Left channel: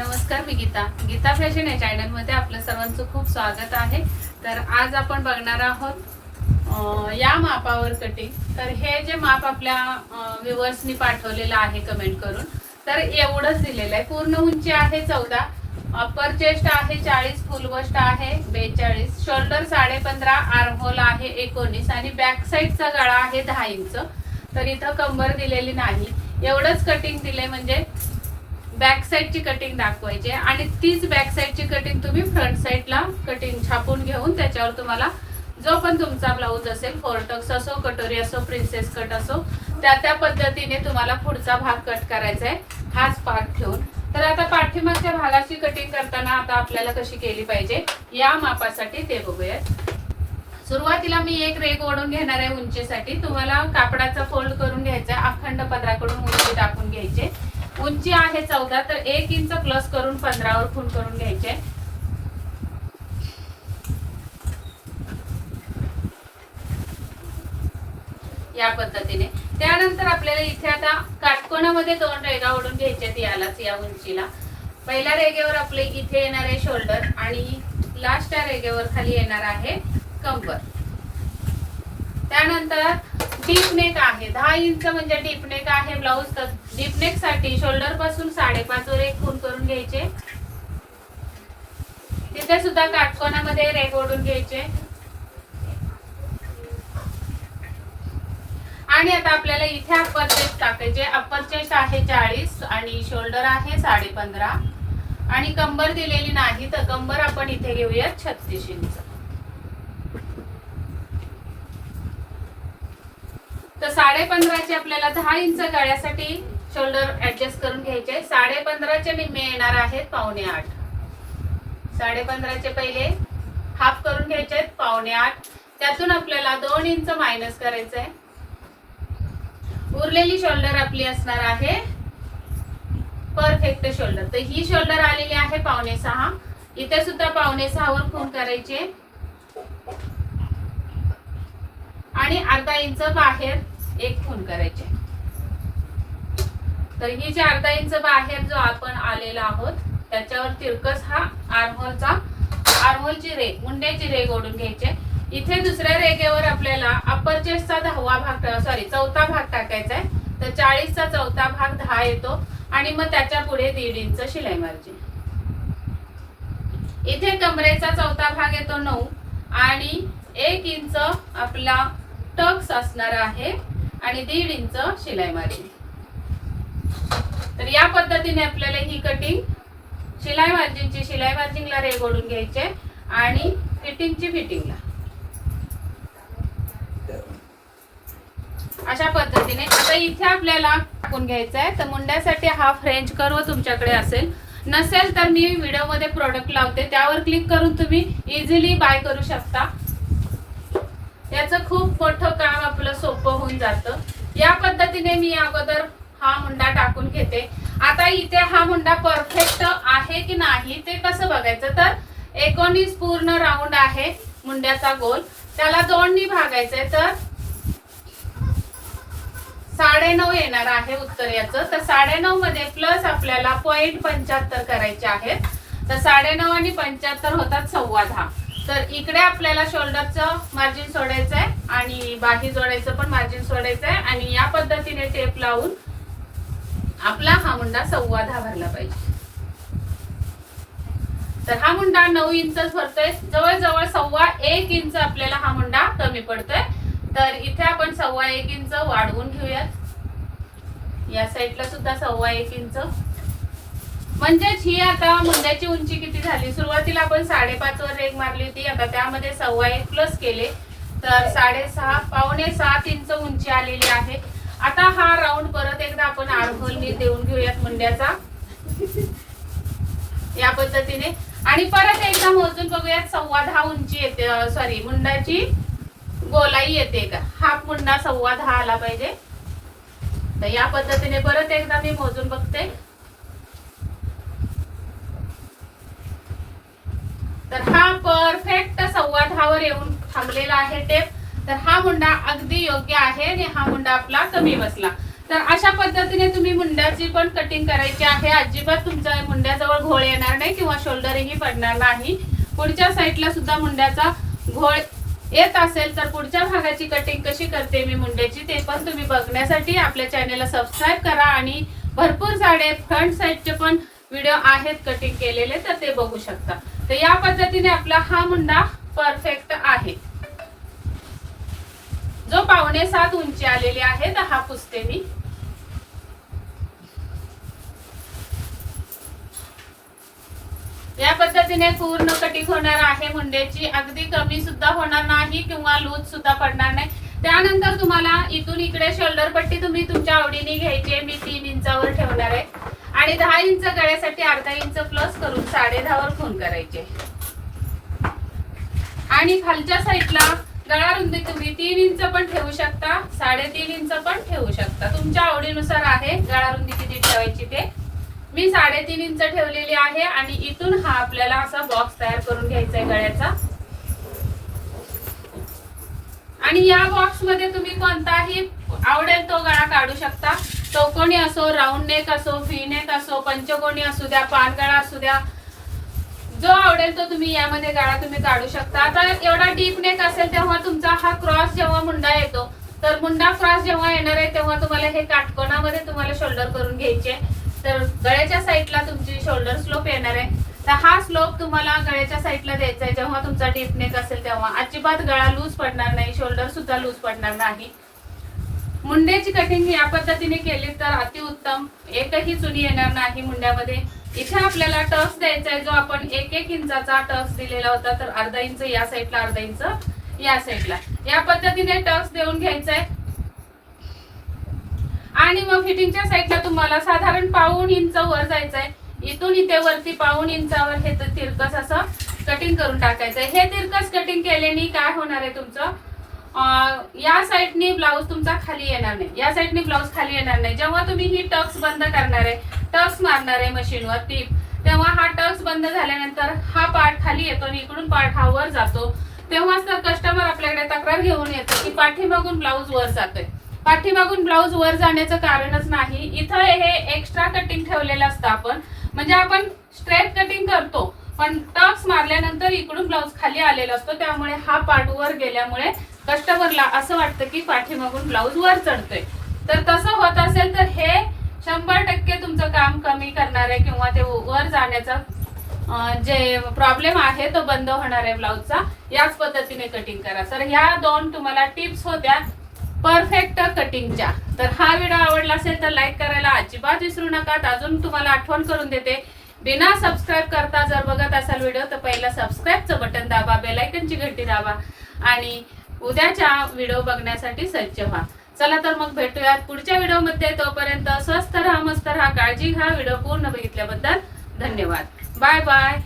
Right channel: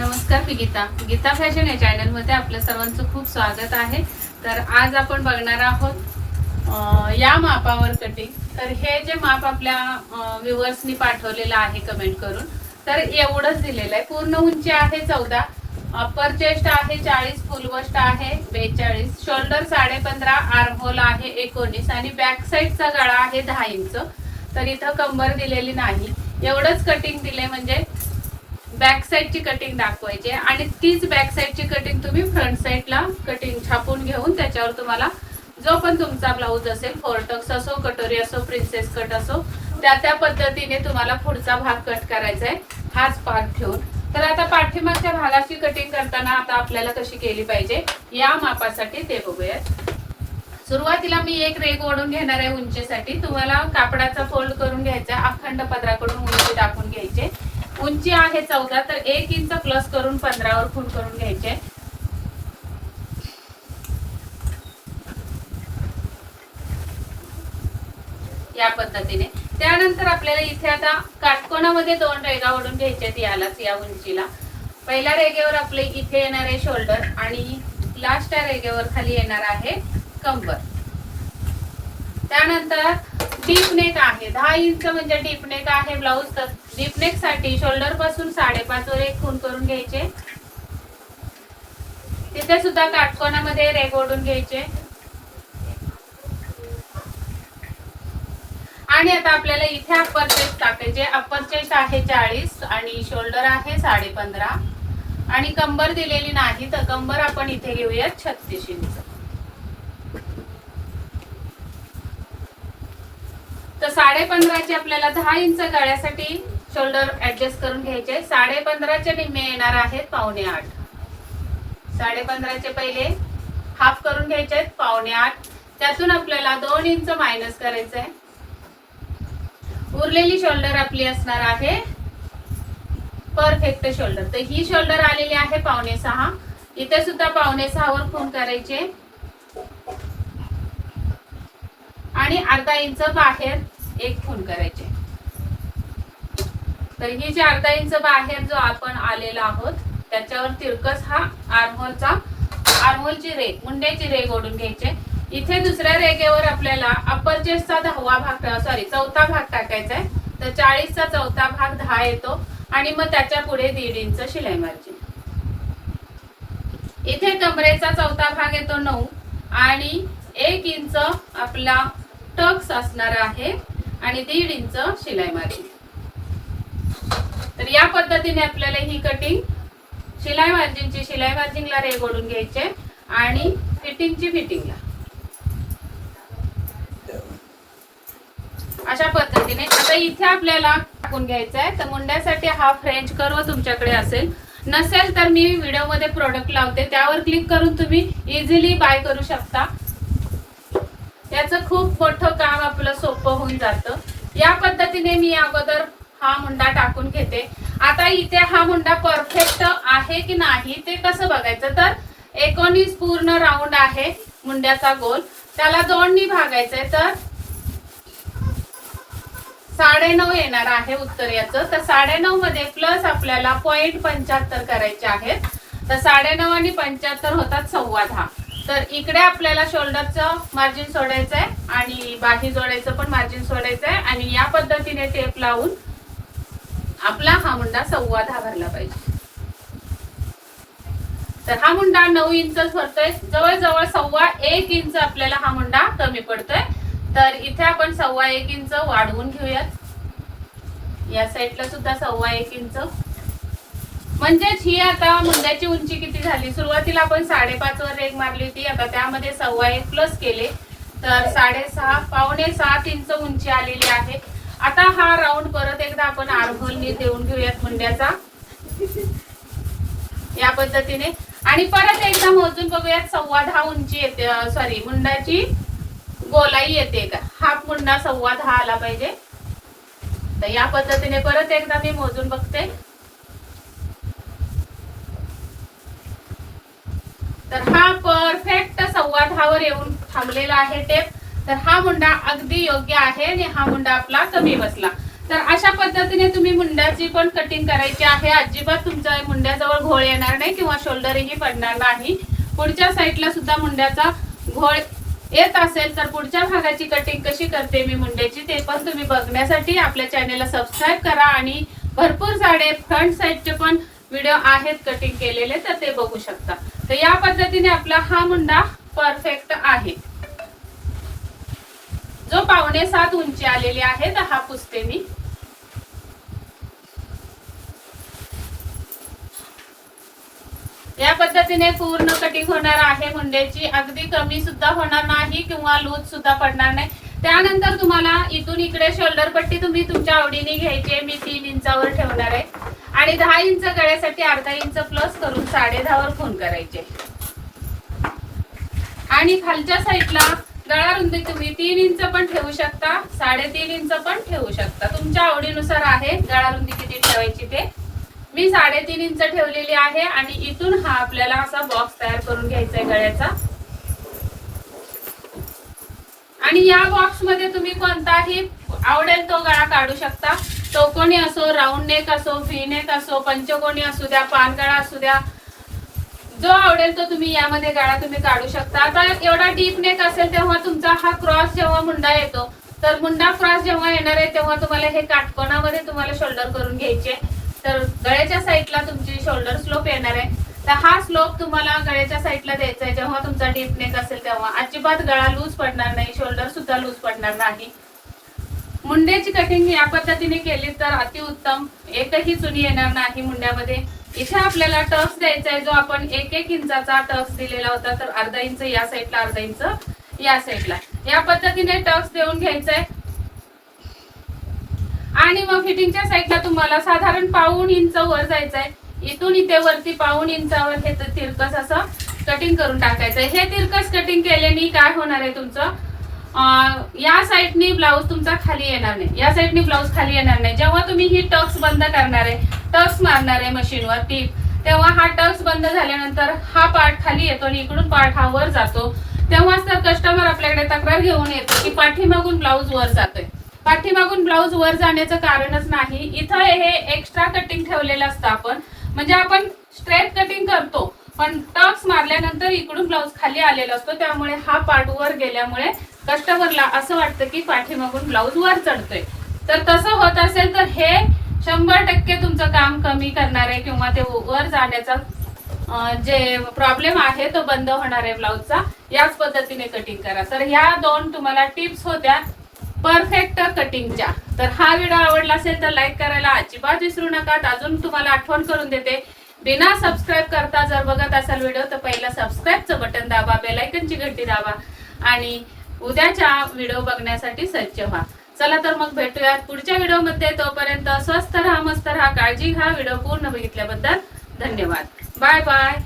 नमस्कार, मी गीता फॅशन या चॅनल मध्ये आपल्या सर्वांचं खूप स्वागत आहे। तर आज आपण बघणार आहोत या मापावर कटिंग। तर हे जे माप आपल्या व्ह्यूअर्सनी पाठवलेलं आहे कमेंट करून, तर एवढंच दिलेलं आहे। पूर्ण उंची आहे 14, अपर चेस्ट आहे 40, फुल बस्ट आहे 42, शोल्डर 15.5, आर्म होल आहे 19 आणि बॅक साइडचा गळा आहे 10 इंच। तर इथं कंबर दिलेली नाही, एवढंच कटिंग दिले म्हणजे बॅक साइडची कटिंग दाखवायची आणि तीच बॅक साइडची कटिंग तुम्ही फ्रंट साइडला कटिंग छापून घेऊन त्याच्यावर तुम्हाला जो पण तुमचा ब्लाऊज असेल, फोरटक्स असो, कटोरी असो, प्रिन्सेस कट असो, त्या पद्धतीने तुम्हाला पुढचा भाग कट करायचा आहे, हाच पार्ट ठेवून। तर आता पाठीमागच्या भागाची कटिंग करताना आता आपल्याला कशी केली पाहिजे या मापासाठी ते बघूयात। सुरुवातीला मी एक रेघ ओढून घेणार आहे उंचीसाठी। तुम्हाला कापडाचा फोल्ड करून घ्यायचा, अखंड पदराकडून उंची टाकून घ्यायचे। उंची आहे 14, तर 1 इंच प्लस करून 15 वर खूण करून घ्यायचे। या पद्धतीने त्यानंतर आपल्याला इथे आता काटकोनामध्ये 2 रेघा ओढून घ्यायच्यात यालाच, या उंचीला। पहिल्या रेघेवर आपले इथे येणार आहे शोल्डर आणि लास्ट रेघेवर खाली येणार आहे कंबर। त्यानंतर डीप नेक आहे 10 इंच म्हणजे डीप नेक आहे ब्लाऊज। तर डीप नेक साठी शोल्डर पासून 5.5 वर एक खूण करून घ्यायचे। तिथे सुद्धा काटकोनामध्ये रेघ ओढून घ्यायचे आणि आता आपल्याला इथे अप्पर चेस्ट टाकायचे। अप्पर चेस्ट आहे 40 आणि शोल्डर आहे 15.5 आणि कंबर दिलेली नाही, तर कंबर आपण इथे घेऊया 36 इंच। तर 15.5 चे आपल्याला 10 इंच गळ्यासाठी शोल्डर ऍडजस्ट करून घ्यायचे। 15.5 चे निम्मे येणार आहेत 7.5। 15.5 चे पहिले हाफ करून घ्यायचे आहेत 7.5, त्यातून आपल्याला 2 इंच मायनस करायचं आहे। उरलेली शोल्डर आपली असणार आहे परफेक्ट शोल्डर। तर ही शोल्डर आलेली आहे 5.5, इथे सुद्धा 5.5 वर खूण करायचे आणि अर्धा इंच बाहेर एक खूण करायचे। तर ही जी अर्धा इंच बाहेर जो आपण आलेला आहोत त्याच्यावर तिरकस हा आर्महोलची रेघ, मुंड्याची रेघ ओढून घ्यायचे। इथे दुसऱ्या रेघेवर आपल्याला अप्पर चेस्टचा 4था भाग टाकायचा आहे। तर 40 चा 4था भाग 10 येतो आणि मग त्याच्या पुढे 1.5 इंच शिलाई मार्जिन। इथे कमरेचा 4था भाग येतो 9 आणि 1 इंच आपला टक्स असणार आहे आणि 1.5 इंच शिलाई मार्जिन। तर या पद्धतीने आपल्याला ही कटिंग शिलाई मार्जिनला रेघ ओढून घ्यायचे आणि फिटिंगला अशा पद्धतीने। आता इथे आपल्याला टाकून घ्यायचं आहे। तर मुंड्यासाठी हा फ्रेंच कर्व तुमच्याकडे असेल, नसेल तर मी व्हिडिओ मध्ये प्रोडक्ट लावते, त्यावर क्लिक करून तुम्ही इझिली बाय करू शकता। याचं खूप मोठं काम आपलं सोपं होऊन जातं। या पद्धतीने मी अगोदर हा मुंडा टाकून घेते। आता इथे हा मुंडा परफेक्ट आहे की नाही ते कसं बघायचं, तर 19 पूर्ण राऊंड आहे मुंड्याचा गोल, त्याला 2 नी भागायचंय। तर 9.5 येणार आहे उत्तर याचं। तर 9.5 मध्ये प्लस आपल्याला 0.75 करायचे आहेत। तर 9.5 आणि 75 होतात 10.15। तर इकडे आपल्याला शोल्डरचं मार्जिन सोडायचं आहे आणि बाही जोडायचं पण मार्जिन सोडायचं आहे आणि या पद्धतीने टेप लावून आपला हा मुंडा 10.15 भरला पाहिजे। तर हा मुंडा 9 इंचच भरतोय, जवळजवळ 1.25 इंच आपल्याला हा मुंडा कमी पडतोय। तर इथे आपण 1.25 इंच वाढवून घेऊयात। या साईडला सुद्धा 1.25 इंच, म्हणजेच ही आता मुंड्याची उंची किती झाली। सुरुवातीला आपण 5.5 वर रेघ मारली होती, आता त्यामध्ये 1.25 प्लस केले तर 6.5 पावणे 7 इंच उंची आलेली आहे। आता हा राऊंड परत एकदा आपण आर्महोलनी देऊन घेऊयात मुंड्याचा या पद्धतीने आणि परत एकदा मोजून बघूयात 10.15 उंची येते, मुंड्याची गोलाई येते का, हाफ मुंडा 10.15 आला पाहिजे। तर या पद्धतीने परत एकदा मी मोजून बघते। तर हा परफेक्ट 10.15 वर येऊन थांबलेला आहे टेप। तर हा मुंडा अगदी योग्य आहे आणि हा मुंडा आपला कमी बसला। तर अशा पद्धतीने तुम्ही मुंड्याची पण कटिंग करायची आहे. अजिबात तुमच्या मुंड्याजवळ घोळ येणार नाही किंवा शोल्डरही पडणार नाही. पुढच्या साईडला सुद्धा मुंड्याचा घोळ येत असेल तर पुढच्या भागाची कटिंग कशी करते मी मुंड्याची ते पण तुम्ही बघण्यासाठी आपल्या चॅनलला सबस्क्राईब करा. आणि भरपूर सारे फ्रंट साईडचे पण व्हिडिओ आहेत कटिंग केलेले, तर ते बघू शकता. तर या पद्धतीने आपला हा मुंडा परफेक्ट आहे. जो 5.7 उंची आलेली आहे तर हा पुसते मी. या पद्धतीने पूर्ण कटिंग होणार आहे मुंड्याची. अगदी कमी सुद्धा होणार नाही किंवा लूज सुद्धा पडणार नाही. त्यानंतर तुम्हाला इथून इकडे शोल्डर पट्टी तुम्ही तुमच्या आवडीने घ्यायची. मी 3 इंचावर ठेवणार आहे आणि 10 इंच गळ्यासाठी अर्धा इंच प्लस करून 10.5 वर फोन करायचे. आणि खालच्या साईडला गळा रुंदी तुम्ही 3 इंच पण ठेवू शकता, 3.5 इंच पण ठेवू शकता. तुमच्या आवडीनुसार आहे गळा रुंदी किती ठेवायची ते. मी 3.5 इंच ठेवलेली आहे आणि इथून हा आपल्याला असा बॉक्स तयार करून घ्यायचा आहे गळ्याचा. आणि या बॉक्स मध्ये तुम्ही कोणताही आवडेल तो गळा काढू शकता. चौकोनी असो, राऊंड नेक असो, व्ही नेक असो, पंचकोनी असू द्या, पान गळा असू द्या, जो आवडेल तो तुम्ही यामध्ये गळा तुम्ही काढू शकता. आता एवढा डीप नेक असेल तेव्हा तुमचा हा क्रॉस जेव्हा मुंडा येतो, तर मुंडा क्रॉस जेव्हा येणार आहे तेव्हा तुम्हाला हे काटकोनामध्ये तुम्हाला शोल्डर करून घ्यायचे. तर गळ्याच्या साईडला तुमची शोल्डर स्लोप येणार आहे. तर हा स्लोप तुम्हाला गळ्याच्या साईडला द्यायचा आहे जेव्हा तुमचा डीप नेक असेल तेव्हा. अजिबात गळा लूज पडणार नाही, शोल्डर सुद्धा लूज पडणार नाही. मुंड्याची कटिंग या पद्धतीने केली तर अतिउत्तम. एकही चुनी येणार नाही मुंड्यामध्ये. इथे आपल्याला टक्स द्यायचा आहे, जो आपण 1-1 इंचाचा टक्स दिलेला होता, तर अर्धा इंच या साईडला, अर्धा इंच या साईडला. या पद्धतीने टक्स देऊन घ्यायचा आहे. आणि मग फिटिंगच्या साईडला तुम्हाला साधारण 1.5 इंच वर जायचं आहे. इथून इथे वरती 1.5 इंचावर हे तिरकस असं कटिंग करून टाकायचंय. हे तिरकस कटिंग केल्याने काय होणार आहे तुमचं, या साईडनी ब्लाऊज तुमचा खाली येणार नाही, या साईडनी ब्लाऊज खाली येणार नाही. जेव्हा तुम्ही ही टक्स बंद करणार आहे, टक्स मारणार आहे मशीनवर टीप, तेव्हा हा टक्स बंद झाल्यानंतर हा पार्ट खाली येतो आणि इकडून पार्ट हा वर जातो. तेव्हाच तर कस्टमर आपल्याकडे तक्रार घेऊन येतो की पाठीमागून ब्लाऊज वर जातोय. पाठीमागून ब्लाऊज वर जाण्याचं कारणच नाही. इथं हे एक्स्ट्रा कटिंग ठेवलेलं असतं आपण, म्हणजे आपण स्ट्रेट कटिंग करतो पण टक्स मारल्यानंतर इकडून ब्लाऊज खाली आलेला असतो. त्यामुळे हा पार्ट वर गेल्यामुळे कस्टमरला असं वाटतं की पाठीमागून ब्लाऊज वर चढतोय. तर तसं होत असेल तर हे 100% तुमचं काम कमी करणार आहे किंवा ते वर जाण्याचा जे प्रॉब्लेम आहे तो बंद होणार आहे ब्लाऊजचा. याच पद्धतीने कटिंग करा. तर ह्या 2 तुम्हाला टिप्स होत्या परफेक्ट कटिंगच्या. तर हा व्हिडिओ आवडला असेल तर लाईक करायला अजिबात विसरू नका. अजून तुम्हाला आठवण करून देते, बिना सबस्क्राईब करता जर बघत असाल व्हिडिओ तर पहिला सबस्क्राईबचं बटन दाबा, बेल आयकॉनची घंटी दाबा आणि उद्याच्या व्हिडिओ बघण्यासाठी सज्ज व्हा. चला तर मग भेटूयात पुढच्या व्हिडिओमध्ये. तोपर्यंत स्वस्त राहा, मस्त राहा, काळजी घ्या. व्हिडिओ पूर्ण बघितल्याबद्दल धन्यवाद. Bye bye.